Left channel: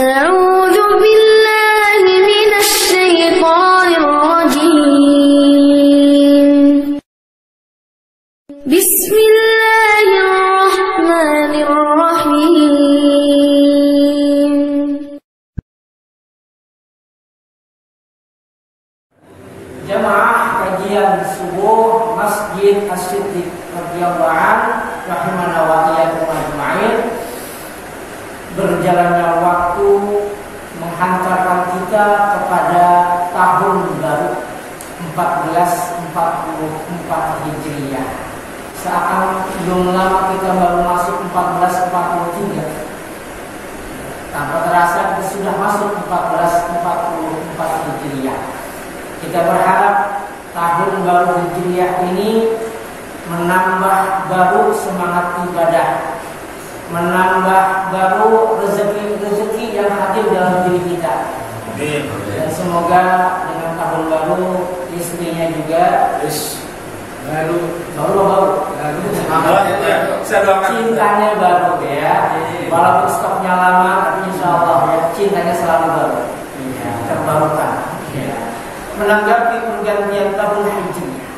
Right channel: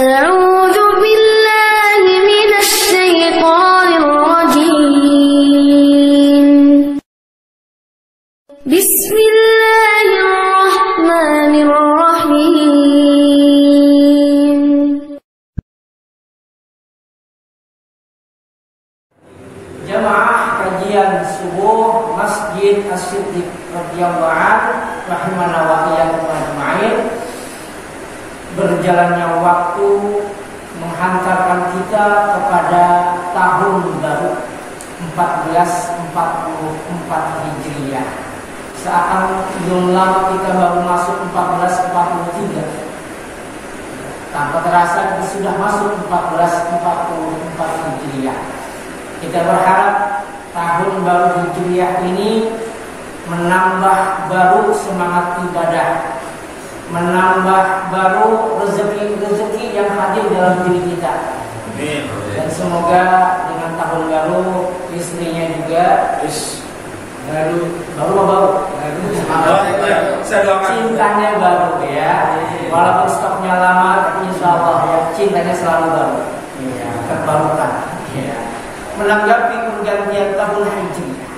أعوذ بالله من الشيطان الرجيم. بسم الله الرحمن الرحيم. Jamaah kajian subuh Masjid As-Siddiq radhiyallahu anhu rahimana wa iyyakum ajma'in. Berjalannya waktu menghantarkan kita kepada tahun baru 1444 Hijriah. Seakan belum lama kita baru masuk 1443. Tanpa terasa kita sudah masuk 1444 Hijriah. Kita berharap tahun baru Hijriah ini menambah baru semangat ibadah, menambah baru rezeki yang hadir dalam diri kita. Dan semoga dengan tahun baru istrinya juga baru cintanya baru ya. Walaupun stoknya lama, tapi insya Allah ya cintanya selalu baru, ya, terbarukan. Ya. Menanggapi pergantian tahun Hijriah,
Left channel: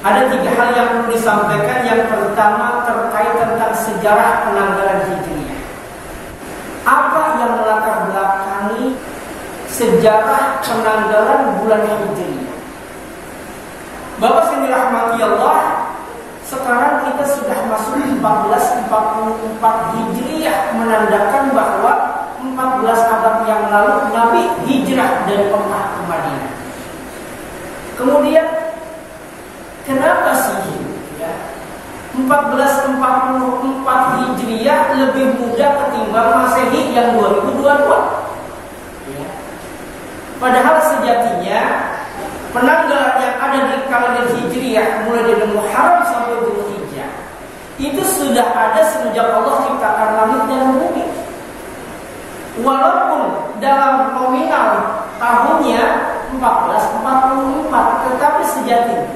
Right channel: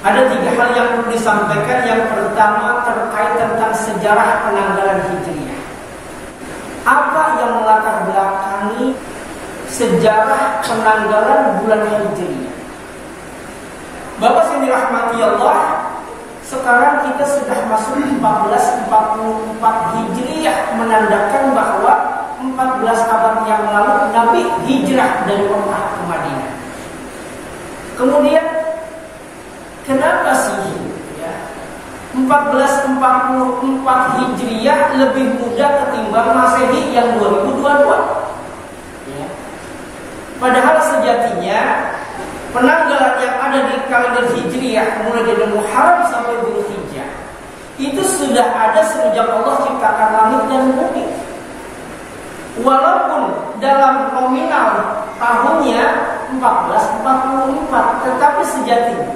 ada 3 hal yang perlu disampaikan. Yang pertama terkait tentang sejarah penanggalan Hijriah. Apa yang melatar belakangi sejarah penanggalan bulan Hijriah? Bapak yang dirahmati Allah, sekarang kita sudah masuk 1444 Hijriah, menandakan bahwa 14 abad yang lalu Nabi hijrah dari Mekah ke Madinah. Kemudian kenapa sih ya 1444 Hijriah lebih mudah ketimbang Masehi yang 2022? Ya. Padahal sejatinya penanggalan yang ada di kalender Hijriah mulai dari Muharram sampai Dzulhijjah itu sudah ada sejak Allah ciptakan langit dan bumi. Walaupun dalam nominal tahunnya 1444, tetapi sejatinya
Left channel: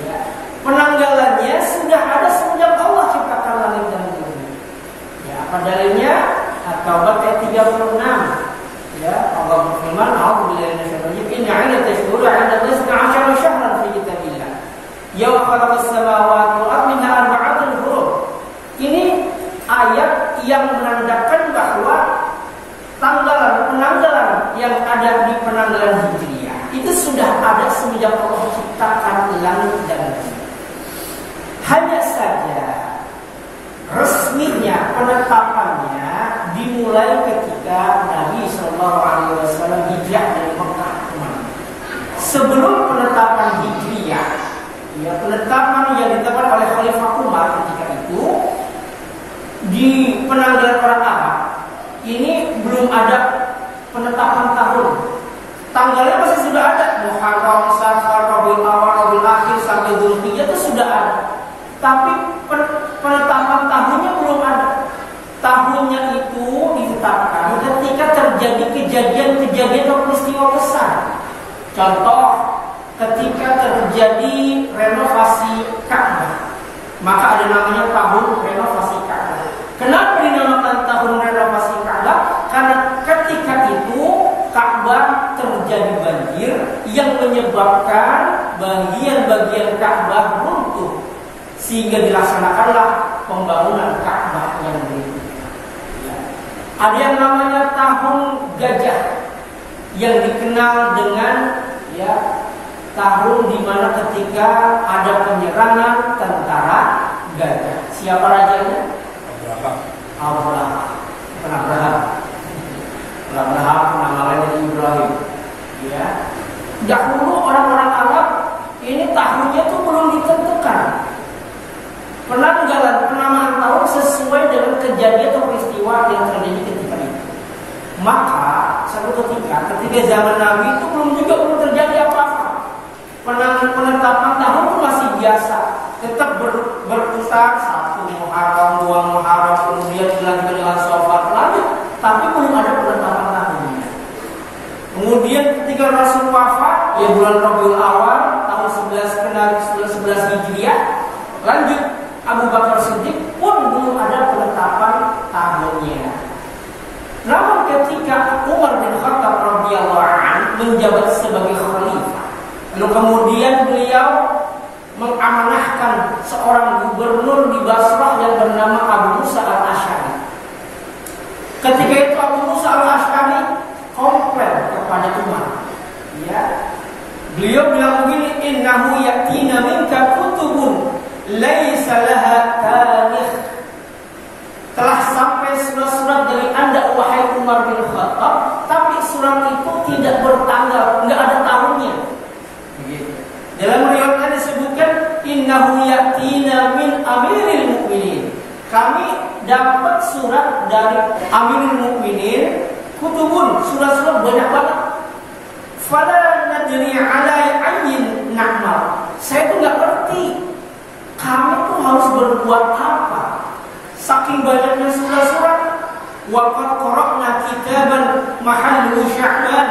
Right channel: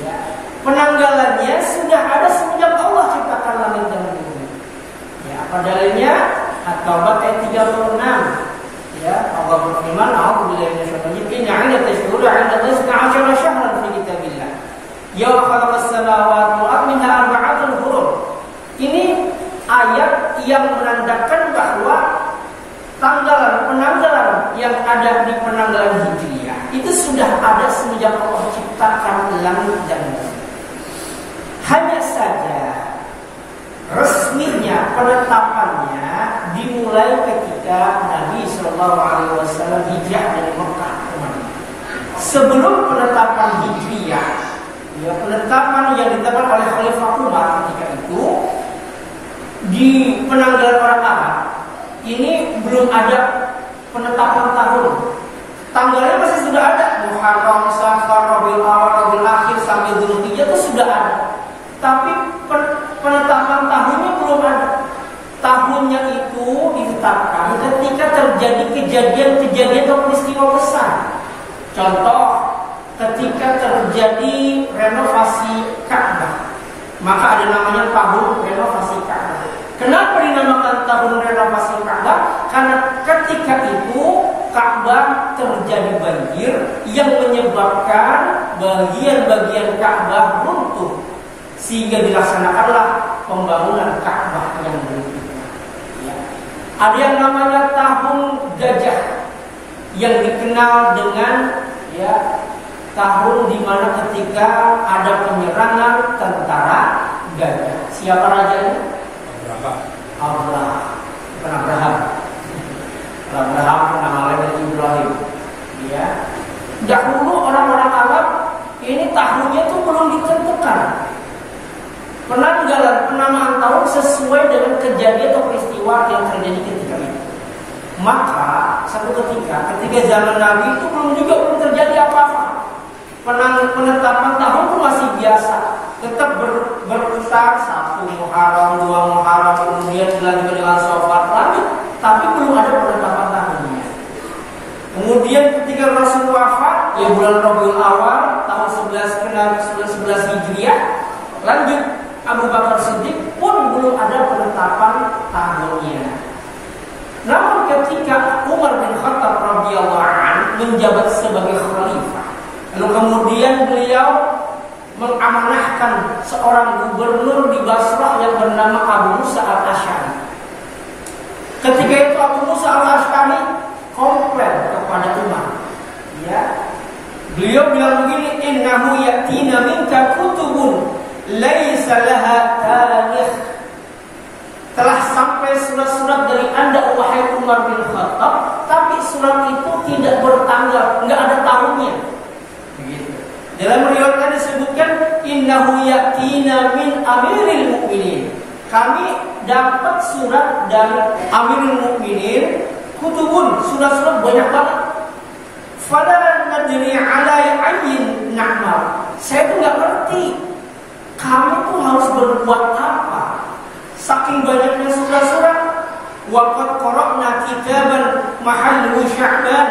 ya, penanggalannya sudah ada sejak Allah ciptakan langit dan bumi. Ya, apa dalilnya? At-Taubah ayat 36. Ya, Allah berfirman, "A'udzubillahi minasyaitonir rajim. Inna 'iddatash shuhuri 'inda Allahi 12 syahran fi kitabillah. Yawma khalaqas samawati wal arda minha arba'atun hurum." Ini ayat yang menandakan bahwa penanggalan yang ada di penanggalan Hijriah itu sudah ada semenjak Allah ciptakan langit dan bumi. Hanya saja resminya penetapannya dimulai ketika Nabi SAW hijrah dari Mekah ke Madinah. Sebelum penetapan Hijriah, ya, penetapan yang ditetapkan oleh Khalifah Umar ketika itu di penanggalan orang Arab, ini belum ada penetapan tahun. Tanggalnya masih sudah ada, Muharram, Safar, Rabiul Awal, Rabiul Akhir sampai Dzulhijjah itu sudah ada. Tapi penetapan tahunnya belum ada. Tahunnya itu ditetapkan ketika terjadi kejadian-kejadian atau peristiwa besar. Contoh, ketika terjadi renovasi Ka'bah, maka ada namanya tahun renovasi Ka'bah. Kenapa dinamakan tahun renovasi Ka'bah? Karena ketika itu Ka'bah terjadi banjir yang menyebabkan bagian-bagian Ka'bah runtuh, sehingga dilaksanakanlah pembangunan Ka'bah yang berikutnya. Ya. Ada yang namanya tahun gajah, yang dikenal dengan ya tahun di mana ketika ada penyerangan tentara gajah. Siapa rajanya? Abraham nama lain Ibrahim. Ya. Dahulu orang-orang Arab ini tahunnya itu belum ditentukan. Penamaan tahun sesuai dengan kejadian atau peristiwa yang terjadi ketika itu. Maka satu ketika zaman Nabi itu belum terjadi apa-apa. Penetapan tahun pun masih biasa, tetap berputar 1 Muharram, 2 Muharram, kemudian dilanjutkan dengan Safar, lanjut, tapi belum ada penetapan tahunnya. Kemudian ketika Rasul wafat, ya bulan Rabiul Awal tahun 11 Hijriah, lanjut Abu Bakar Siddiq pun belum ada penetapan tahunnya. menjabat sebagai khalifah. Lalu kemudian beliau mengamanahkan seorang gubernur di Basrah yang bernama Abu Musa al-Asy'ari. Ketika itu Abu Musa al-Asy'ari komplain kepada Umar. Ya. Beliau bilang begini, innahu yatina minka kutubun laisa laha tarikh. Telah sampai surat-surat dari Anda wahai Umar bin Khattab, tapi surat itu tidak bertanggal, enggak ada tahunnya. Begitu. Dalam riwayat disebutkan innahu yatina min amiril mu'minin. Kami dapat surat dari Amirul Mukminin, kutubun, surat-surat banyak banget. Fala nadri ala ayyin na'mal. Saya tuh nggak ngerti kami tuh harus berbuat apa. Saking banyaknya surat-surat. Wa qad qara'na kitaban mahallu Sya'ban.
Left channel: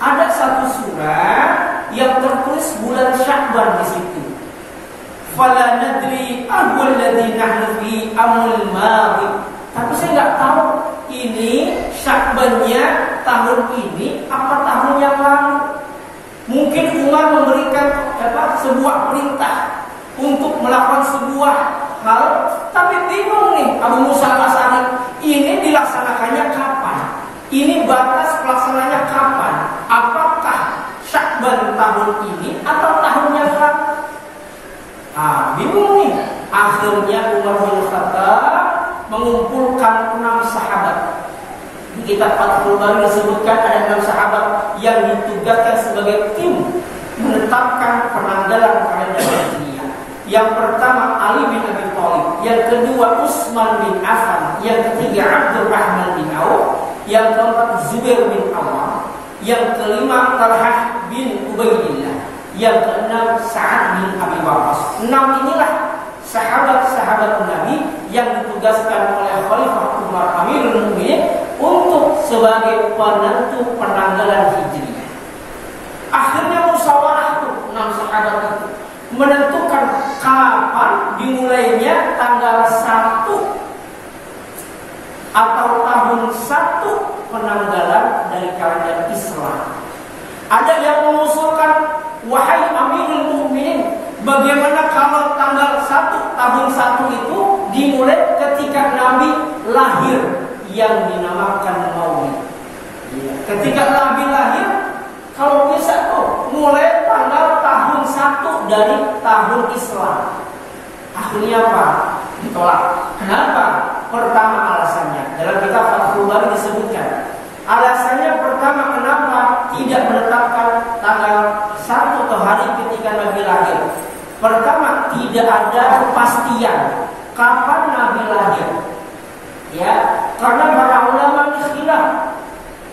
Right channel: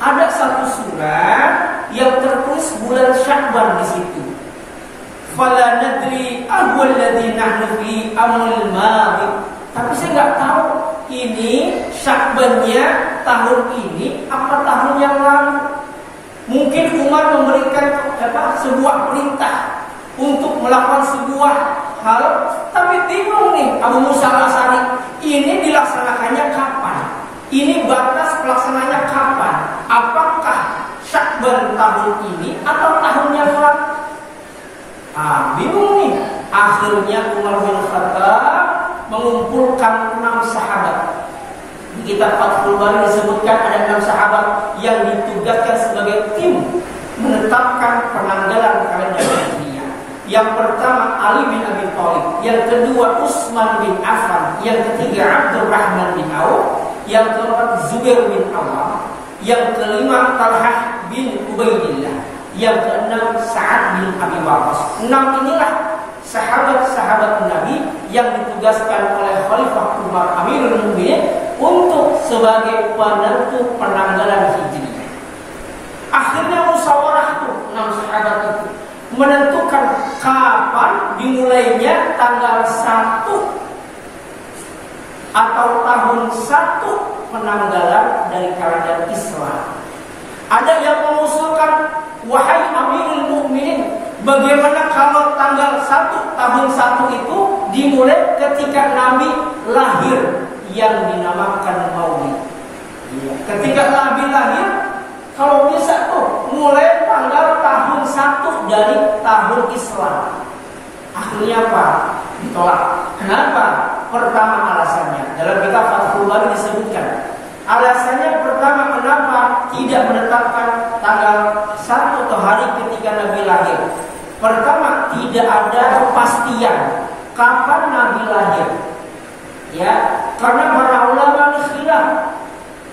Ada satu surat yang tertulis bulan Sya'ban di situ. Fala nadri ahwal ladzi nahnu fi amul madhi. Tapi saya nggak tahu ini Sya'bannya tahun ini apa tahun yang lalu. Mungkin Umar memberikan sebuah perintah untuk melakukan sebuah hal, tapi bingung nih Abu Musa al-Asy'ari, ini dilaksanakannya kapan? Ini batas pelaksananya kapan? Apakah Sya'ban tahun ini atau tahun yang lalu? Bingung nih. Akhirnya Umar bin Khattab mengumpulkan 6 sahabat. Di kitab Fathul Bari disebutkan ada 6 sahabat yang ditugaskan sebagai tim menetapkan penanggalan kalender Hijriah. Yang pertama Ali bin Abi Thalib, yang kedua Utsman bin Affan, yang ketiga Abdurrahman bin Auf, yang keempat Zubair bin Awam, yang kelima Talhah bin Ubaidillah, yang keenam Sa'ad bin Abi Waqqas. 6 inilah sahabat-sahabat Nabi yang ditugaskan oleh Khalifah Umar Amirul Mukminin untuk sebagai penentu penanggalan Hijriah. Akhirnya musyawarah tuh 6 sahabat itu menentukan kapan dimulainya tanggal 1 atau tahun 1 penanggalan dari kalender Islam. Ada yang mengusulkan, wahai Amirul Mukminin, bagaimana kalau tanggal 1 tahun 1 itu dimulai ketika Nabi lahir yang dinamakan Maulid. Ketika Nabi lahir, kalau bisa tuh mulai tanggal tahun 1 dari tahun Islam. Akhirnya apa? Ditolak. Kenapa? Pertama alasannya dalam kitab Fathul Bari disebutkan. Alasannya pertama, kenapa tidak menetapkan tanggal 1 atau hari ketika Nabi lahir? Pertama, tidak ada kepastian kapan Nabi lahir. Ya, karena para ulama khilaf,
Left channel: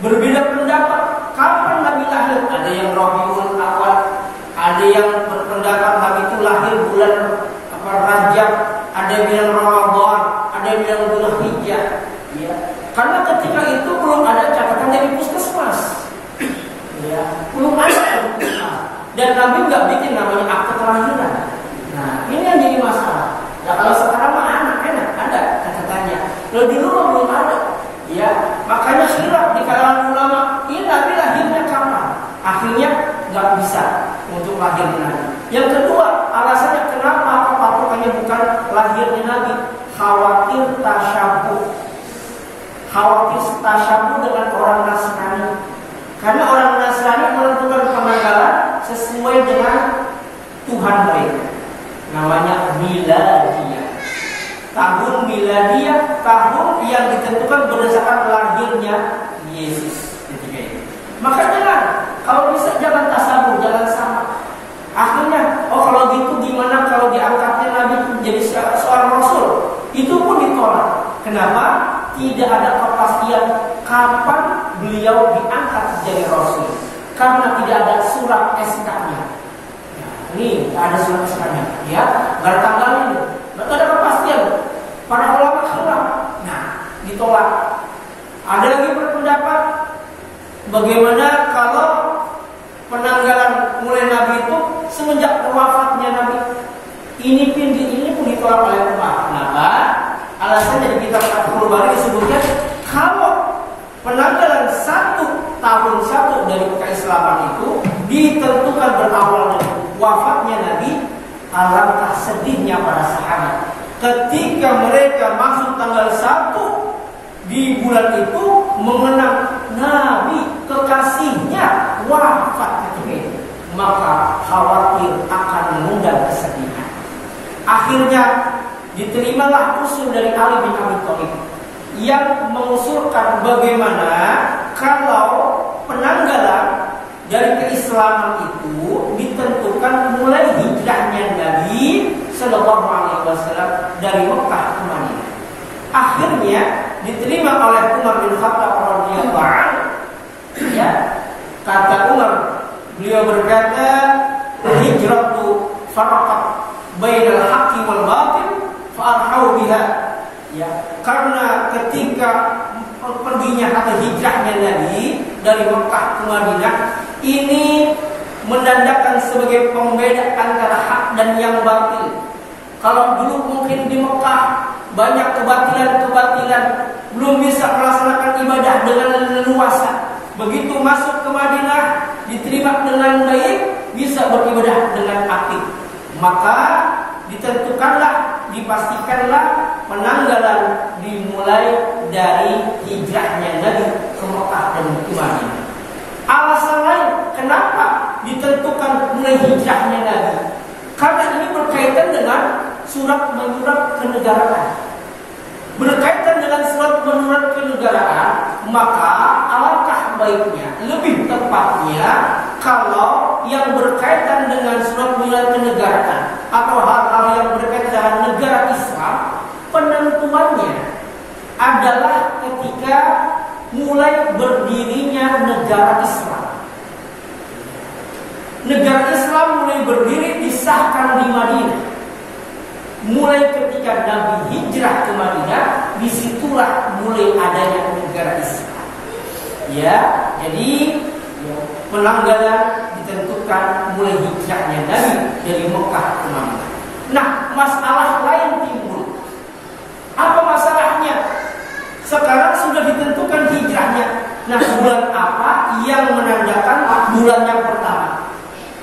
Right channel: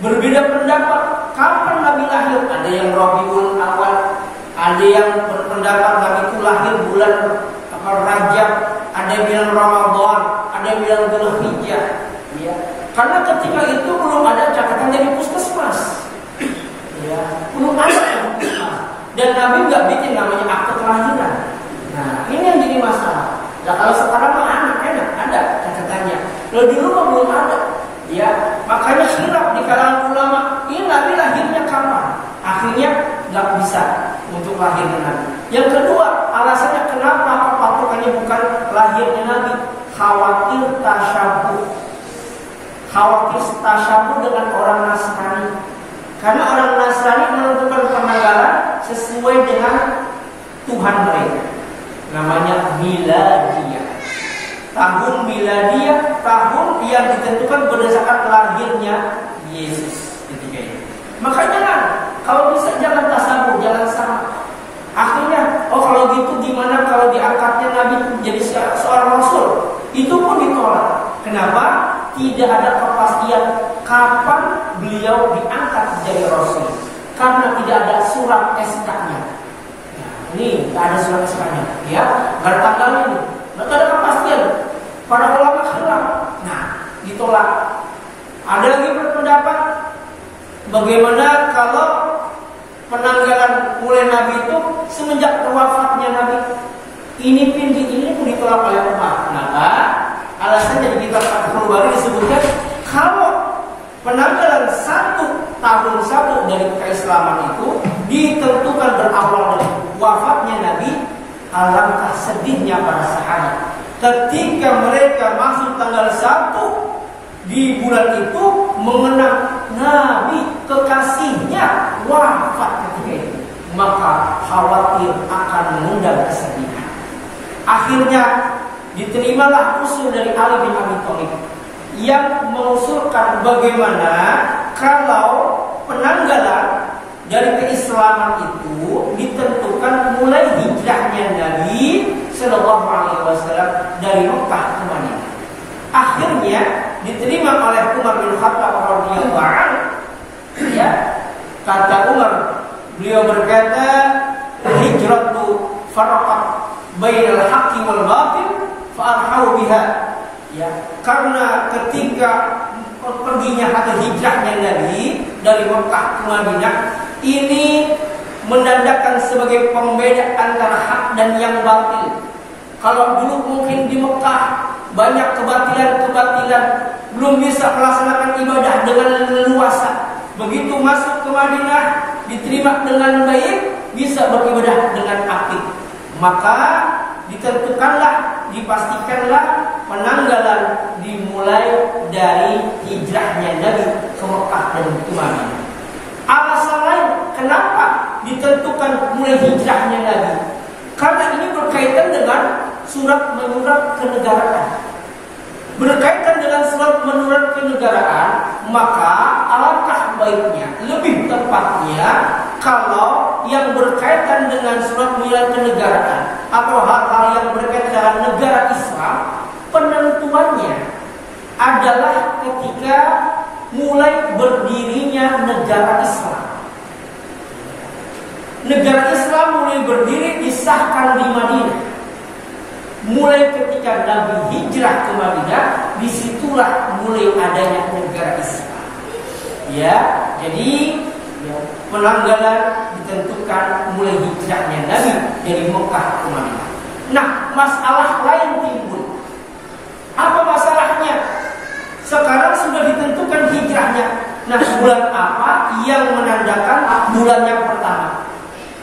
berbeda pendapat kapan Nabi lahir. Ada yang Rabiul Awal, ada yang berpendapat Nabi itu lahir bulan Rajab, ada yang bilang Ramadan, ada yang bilang Dzulhijjah. Ya, karena ketika itu belum ada catatan dari puskesmas. Ya, belum ada puskesmas. Dan Nabi nggak bikin namanya akte kelahiran. Nah, ini yang jadi masalah. Nah, kalau sekarang mah enak ada catatannya. Kalau dulu mah belum ada. Ya, makanya khilaf di kalangan ulama. Ini Nabi lahirnya kapan? Akhirnya nggak bisa untuk lahirnya Nabi. Yang kedua, alasannya kenapa patokannya bukan lahirnya Nabi? Khawatir tasyabuh. Khawatir tasyabuh dengan orang Nasrani. Karena orang Nasrani menentukan penanggalan sesuai dengan Tuhan mereka. Namanya Miladiyah. Tahun Miladiyah, tahun yang ditentukan berdasarkan lahirnya Yesus ketika itu. Makanya kan, kalau bisa jangan tasabuh, jangan sama. Akhirnya, kalau gitu gimana kalau diangkatnya Nabi menjadi seorang Rasul? Itu pun ditolak. Kenapa? Tidak ada kepastian kapan beliau diangkat jadi Rasul. Karena tidak ada surat SK-nya. Ya, ini tidak ada surat SK-nya. Ya, nggak ada tanggalnya nih. Nggak ada kepastian. Para ulama khilaf. Nah, ditolak. Ada lagi berpendapat, bagaimana kalau penanggalan mulai Nabi itu semenjak wafatnya Nabi? Ini pun ditolak oleh Umar. Kenapa? Alasannya di kitab Fathul Bari disebutkan, kalau penanggalan 1 tahun dari keislaman itu ditentukan berawal dari wafatnya Nabi. Alangkah sedihnya para sahabat ketika mereka masuk tanggal 1 di bulan itu mengenang Nabi kekasihnya wafat ketika itu, maka khawatir akan mengundang kesedihan. Akhirnya diterimalah usul dari Ali bin Abi Thalib yang mengusulkan bagaimana kalau penanggalan dari keislaman itu ditentukan mulai hijrahnya Nabi Sallallahu Alaihi Wasallam dari Mekah ke Madinah. Akhirnya diterima oleh Umar bin Khattab radhiyallahu anhu. Ya, kata Umar, beliau berkata, hijratu faraqat bainal haqqi wal batil fa arhau biha. Ya, karena ketika perginya atau hijrahnya Nabi dari Mekah ke Madinah ini mendandakan sebagai pembeda antara hak dan yang batil. Kalau dulu mungkin di Mekah banyak kebatilan-kebatilan, belum bisa melaksanakan ibadah dengan leluasa. Begitu masuk ke Madinah, diterima dengan baik, bisa beribadah dengan aktif. Maka ditentukanlah, dipastikanlah penanggalan dimulai dari hijrahnya Nabi ke Mekah dan ke Madinah. Alasan lain kenapa ditentukan mulai hijrahnya Nabi, karena ini berkaitan dengan surat menyurat kenegaraan. Berkaitan dengan surat menyurat kenegaraan, maka alangkah baiknya, lebih tepatnya kalau yang berkaitan dengan surat menyurat kenegaraan atau hal-hal yang berkaitan dengan negara Islam, penentuannya adalah ketika mulai berdirinya negara Islam. Negara Islam mulai berdiri, disahkan di Madinah. Mulai ketika Nabi hijrah ke Madinah, disitulah mulai adanya negara Islam. Ya, jadi ya, penanggalan ditentukan mulai hijrahnya Nabi dari Mekah ke Madinah. Nah, masalah lain timbul. Apa masalahnya? Sekarang sudah ditentukan hijrahnya. Nah, bulan apa yang menandakan bulan yang pertama?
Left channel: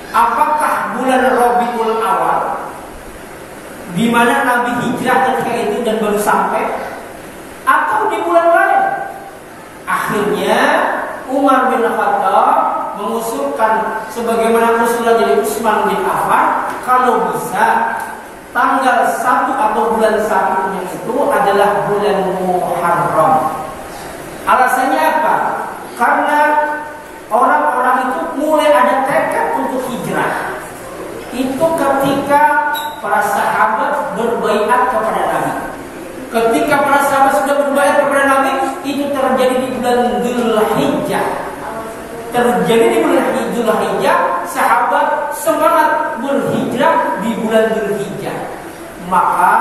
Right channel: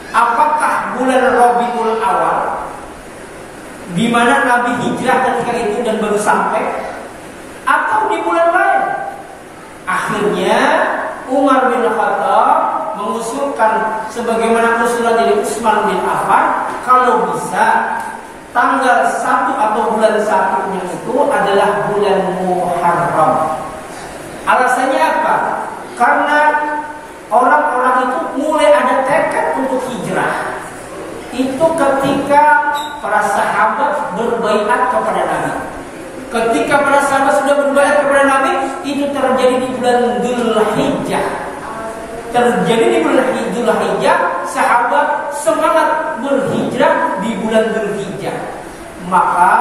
Apakah bulan Rabiul Awal, di mana Nabi hijrah ketika itu dan baru sampai, atau di bulan lain? Akhirnya Umar bin Khattab mengusulkan sebagaimana usulan dari Utsman bin Affan, kalau bisa tanggal 1 atau bulan 1-nya itu adalah bulan Muharram. Alasannya apa? Karena orang-orang itu mulai ada tekad untuk hijrah. Itu ketika para sahabat berbaiat kepada Nabi. Ketika para sahabat sudah berbaiat kepada Nabi, itu terjadi di bulan Dzulhijjah. Terjadi di bulan Dzulhijjah, sahabat semangat berhijrah di bulan Dzulhijjah. Maka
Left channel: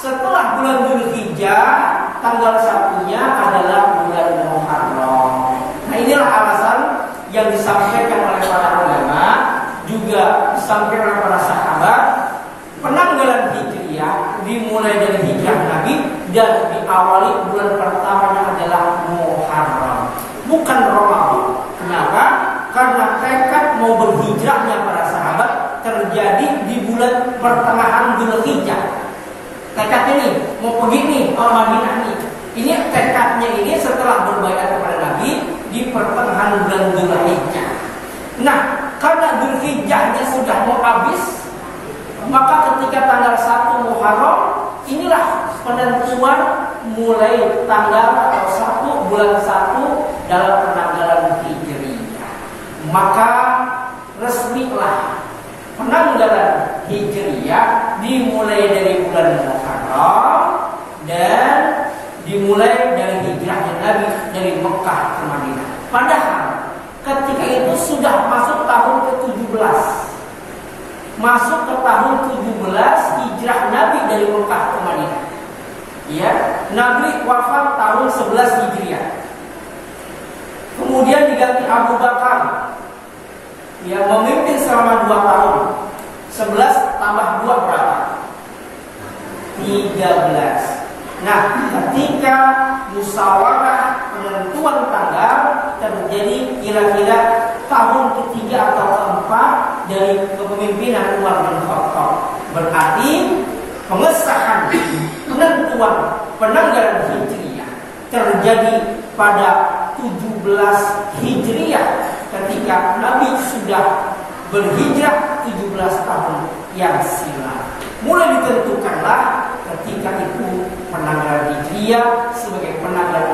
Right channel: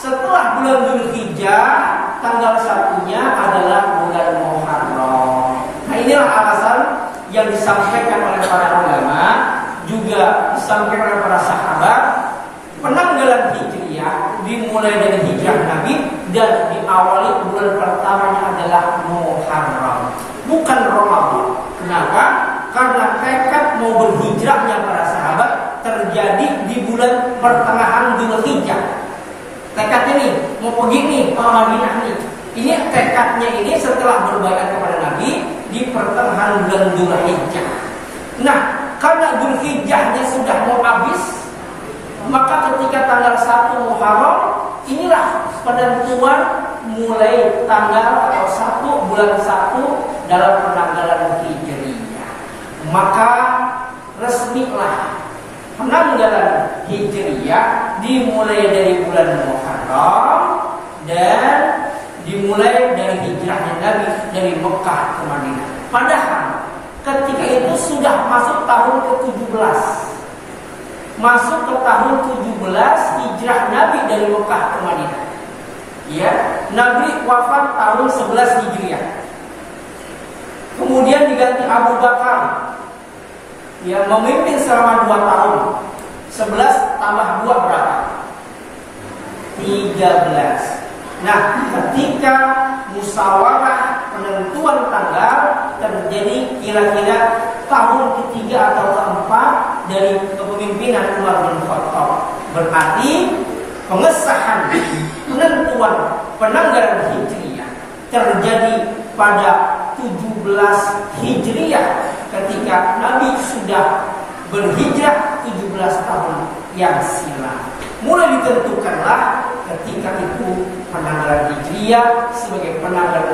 setelah bulan Dzulhijjah, tanggal 1-nya adalah bulan Muharram. Nah, inilah alasan yang disampaikan oleh para ulama, juga disampaikan oleh para sahabat. Penanggalan Hijriah dimulai dari hijrah Nabi dan diawali bulan pertamanya adalah Muharram, bukan Ramadan. Kenapa? Karena tekad mau berhijrahnya para sahabat terjadi di bulan pertengahan Dzulhijjah. Tekadnya nih, mau pergi nih ke Madinah nih. Ini tekadnya ini setelah berbaiat kepada Nabi di pertengahan bulan Dzulhijjah. Nah, karena Dzulhijjahnya sudah mau habis, maka ketika tanggal 1 Muharram, inilah penentuan mulai tanggal atau 1 bulan 1 dalam penanggalan Hijriyah. Maka resmilah penanggalan Hijriyah dimulai dari bulan Muharram dan dimulai dari hijrahnya Nabi dari Mekah ke Madinah. Padahal ketika itu sudah masuk tahun ke-17. Masuk ke tahun 17 hijrah Nabi dari Mekah ke Madinah. Ya, Nabi wafat tahun 11 Hijriah. Kemudian diganti Abu Bakar. Ya, memimpin selama 2 tahun. 11 tambah 2 berapa? 13. Nah, ketika musyawarah penentuan tanggal terjadi kira-kira tahun ketiga atau keempat dari kepemimpinan Umar bin Khattab. Berarti pengesahan penentuan penanggalan Hijriah terjadi pada 17 Hijriah ketika Nabi sudah berhijrah 17 tahun yang silam. Mulai ditentukanlah ketika itu penanggalan Hijriah sebagai penanggalan